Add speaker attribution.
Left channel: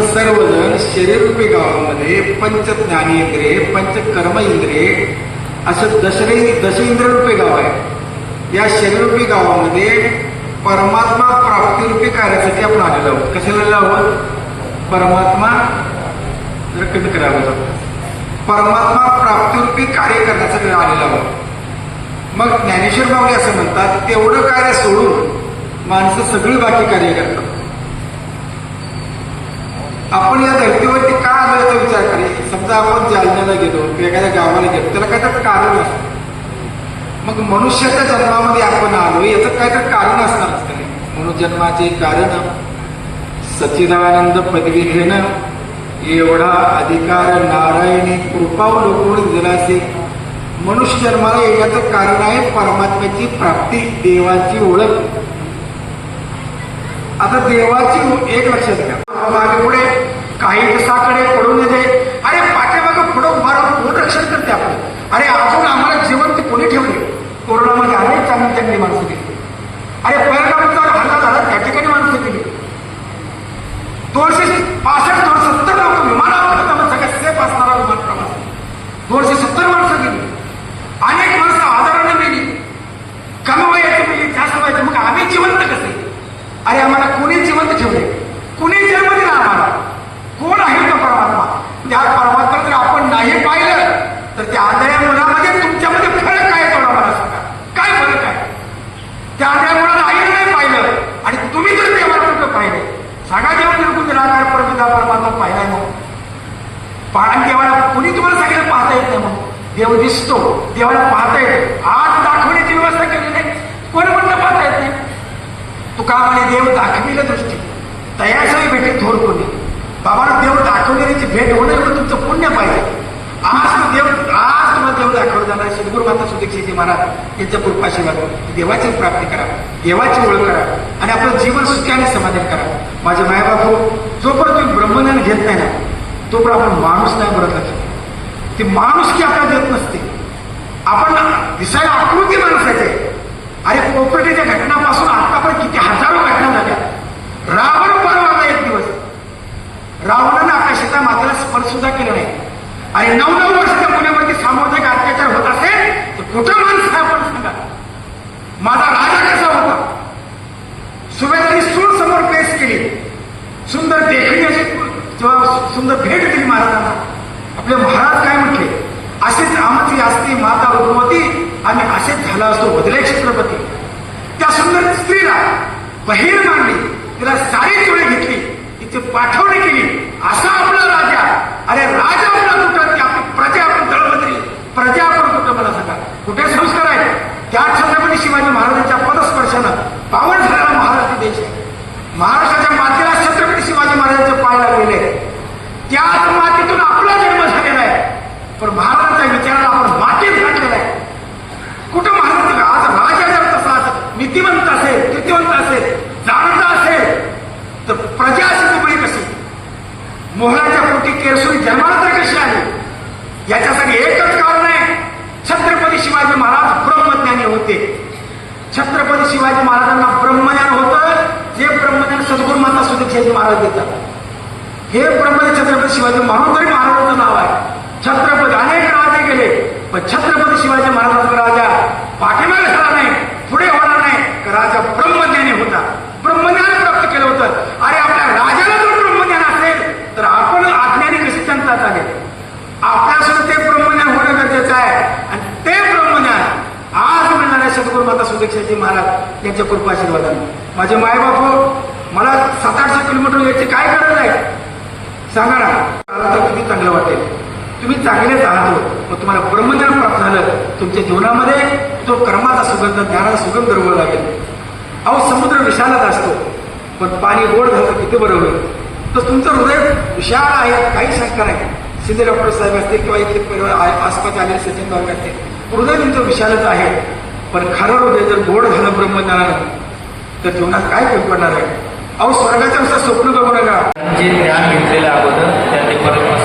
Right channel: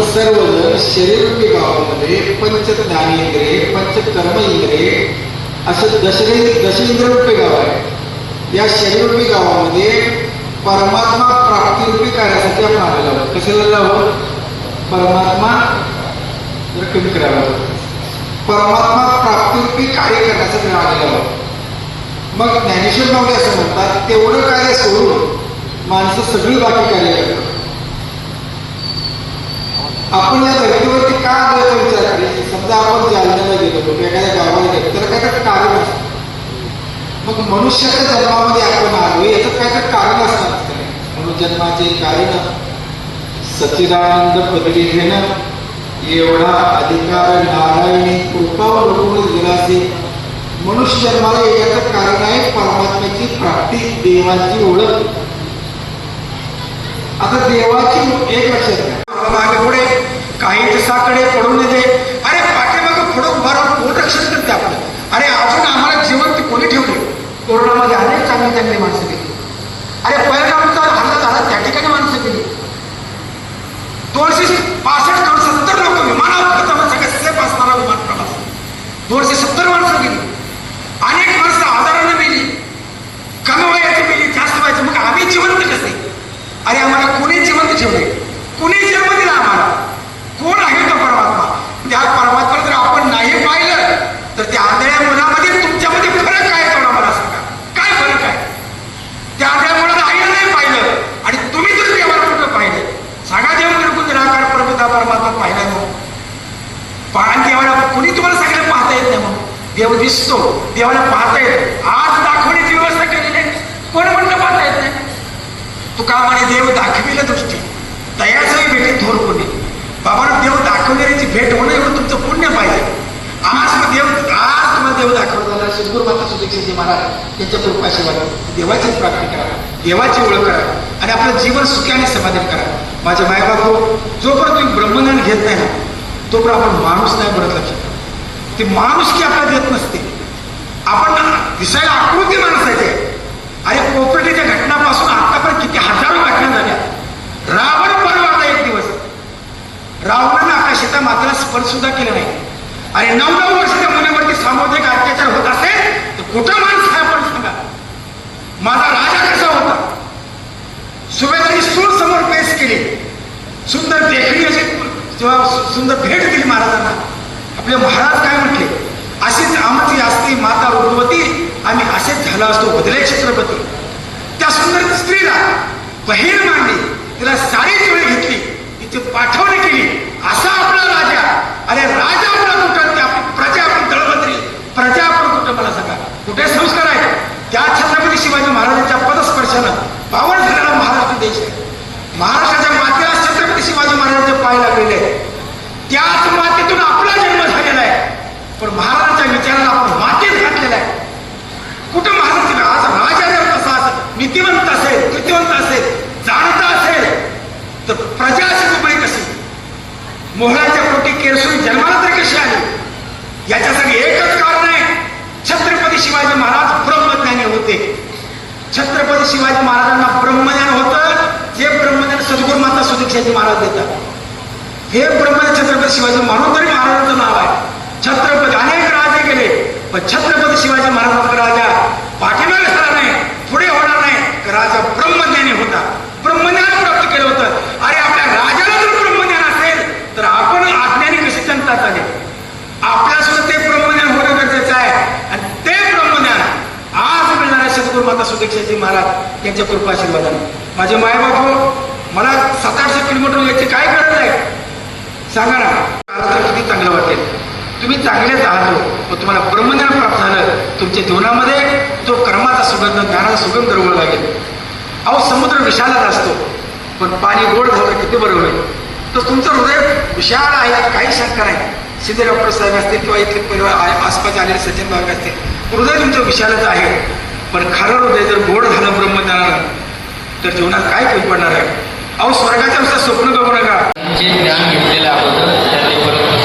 Speaker 1: आपण सर्वजण शरीररूपी गावामध्ये पंच ज्ञानेंद्रिय पंच कर्म इंद्रिय असं दशरे दशेंद्ररूपी गाव आहे. या शरीररूपी गावामध्ये परमात्मा प्राप्तिरूपी कार्यासाठी आपण आलेलो कशाला जावं परमात्मा जर कमी करावं परमात्मा प्राप्तिरूपी कार्य करण्यासाठी आलेलं आहोत. मग ज्ञानेश्वर बाबी असं म्हणतात तेवढं कार्य सोडून माणसं सगळी बाकी कार्य करतात. आपण या धर्तीवरती का आलो विचार करी? समजा आपण जालन्याला गेलो किंवा एखाद्या गावाला गेलो त्याला काय तर कारण असतं. मग मनुष्याच्या जन्मामध्ये आपण आलो याचं काय तर कारण असणार म्हणून जन्माचे कारण सचिदानंद पदवी घेणं एवढा अधिकार नारायणी कृपावर कोणी दिला असेल मनुष्य जन्माला येण्याचं कारण आहे परमात्म्याची प्राप्ती देवाची ओळख. आता देवाची एक लक्षात घ्या. मागे पुढे काही दिवसाकडे पडून दे अरे पाठीमागं पुढं उभारा कोण रक्षण करते आपलं अरे अजून आम्हाला जिवंत कोणी ठेवले कोरोनामध्ये अनेक चांगली चांगली माणसं गेली अरे पहिल्यांदा हल्ला झाला त्या ठिकाणी माणसं गेली दोनशे पासष्ट दोन सत्तर लोक विमानात सगळ्या सेफ असणारा विमान प्रवास दोनशे सत्तर माणसं गेली अनेक माणसं आजाराने गेली कमी वयाची गेली जास्त वयाची मग आम्ही जिवंत कसे अरे आम्हाला कोणी जिवंत ठेवले कोणी जन्म दिला आम्हाला कोण आहे तो परमात्मा त्या जर आपण नाही पाहिलं तर त्या आंधळ्या मुलामध्ये तुमच्यामध्ये फरक काय तेवढा मला सांगा. काय फरक आहे? त्या आंधळ्या मुलाला आईला नाही पाहिलं आणि तुम्ही जर देवाला कुठं पाहिलं? सांगा देव निर्गुण निराकार प्रभुता परमात्मा पाहिला ना पाहण देवाला कुणी तुम्हाला सगळ्यात पाहता येत नाही मग देव दिसतो देवाला पाहता येत आज दाखवण्याची व्यवस्था केलेली आहे कोणी कोणतं पाहता येत नाही? तुका म्हणे देव दाखविले दृष्टी. दयाचंही भेटे थोर कोणी देव दाखवण्याची भेट होणे पण तुमचं पुण्य पाहिजे. आज मग देव आज तुम्हाला देव दाखवलं जाणार सद्गुरू माता सुदीक्षितजी महाराज यांच्या कृपाशीला देवाचीच प्राप्ती करा. देवाची ओळख करा. आणि आपलं जीवन सुखाने समाधान करा. माझे मायबापू जोपर्यंत तुम्ही ब्रह्मज्ञान घेत नाही तोपर्यंत आपण माणूस नाही बोलत लक्षात ते माणूस की आपल्याला देत नसते. आपण दिसायला आकृती माणसाचे अरे कोपर्टीच्या घटनापासून आतापर्यंत किती हजारो घटना झाल्या. रावण रावणाने आकाशाच्या मातेला स्पर्श सुद्धा केला नाही. आणि नऊ नऊ वर्षाच्या मुलीवरती सामुदायिक अत्याचार होत असेल तर कुठं माणसं आपण सांगा. माझा राजा कसा होता? सुभेदारी सूर समोर पेश केली. सुंदर देखणी अशी सुंदर भेट दिली महाराजांना. आपले महाराज काय म्हटले? असेच आमची असती माता रुपवती आम्ही असेच झालो असतो बदले छत्रपती. त्या सुंदर स्त्रीला बहीण मांडली तिला साडी चोळी घेतली. तिथे पाठवणी केली. असा आपला राजा. अरे राजा आपला कुठं? प्रजा आपण दळबद्री प्रजा आपण कुठं मला सांगा? कुठे रुस्कार आहे त्या छत्रपती शिवाजी महाराजांच्या पदस्पर्शानं पावन झालेला महाराष्ट्र देश आहे. महाराष्ट्राच्या मातेला छत्रपती शिवाजी महाराजांचे पाय लागलेले त्याच मातेतून आपला जन्म झालेला आहे. पण महाराज विचाराला आपण मातीत घातलेला आहे कुठं महाराज आज राजा जर तसा असेल, नीतिवंत असेल कृतिवंत असेल जाणता असेल तर प्रजा अशी दुबळी कशी मोहळाच्या पोटी केरसून जन्माला तर कशी आली? याच्यासाठी एकच कारण आहे. छत्रपती शिवाजी महाराज ब्रह्मज्ञानी होते. छत्रपती शिवाजी महाराजांना ब्रह्मज्ञान होतं. जे ब्रह्मज्ञान सद्गुरू माता सुदीक्षाजी महाराज देतात. हे ब्रह्मज्ञान छत्रपती शिवाजी म्हणून तरी महाराजांचं नाव आहे. छत्रपती अनेक राजे गेले पण छत्रपती शिवाजी महाराजांचा राजा पाठीमागे झाला नाही पुढे होणार नाही. राजा ब्रह्म होता ब्रह्मज्ञान प्राप्त केलं होतं अरे आपल्या राजाला जर ब्रह्मज्ञान असेल तर आपण अज्ञानी कशी जनता चालेल आपल्या सुद्धा ते ब्रह्मज्ञान होणं गरजेचं आहे आणि ते ब्रह्मज्ञान आज मिळणाऱ्या सद्गुरू माता सुदीक्षाजी त्यांच्या कृपा आशीर्वादाने. माझे मायबाप मला सात आठशे किलोमीटर याची काय गरज आहे? सांगा ना. मला तर किती चांगलं वाटेल. तुम्ही चांगलेच आहात हो. मग तुम्हाला ब्रह्मज्ञान प्राप्त झालं. तुमच्या जीवनामध्ये तो कर्माचा सुगंध ज्ञानाचा सुगंध दरवळ लागेल. अहो समुद्र विशालच असतो. पण पाणी गोड झालं किती बरं होईल? तर तुमचं हृदय विशाल आहे काही शंका नाही. सिद्धे डॉक्टर साहेब असतील किंवा इथे परिवार आसपास आलेले सचिन भाग असतील. हृदय तुमचं विशालच आहे. पण खरं हृदय जर गोड झालं ब्रह्मज्ञानानं तर जीवनात काय फरक पडणार आहे? अहो स्वर्गाच्या स्वप्न बघू नका.
Speaker 2: जे ज्ञान घेतलेलं अगोदर त्याने परत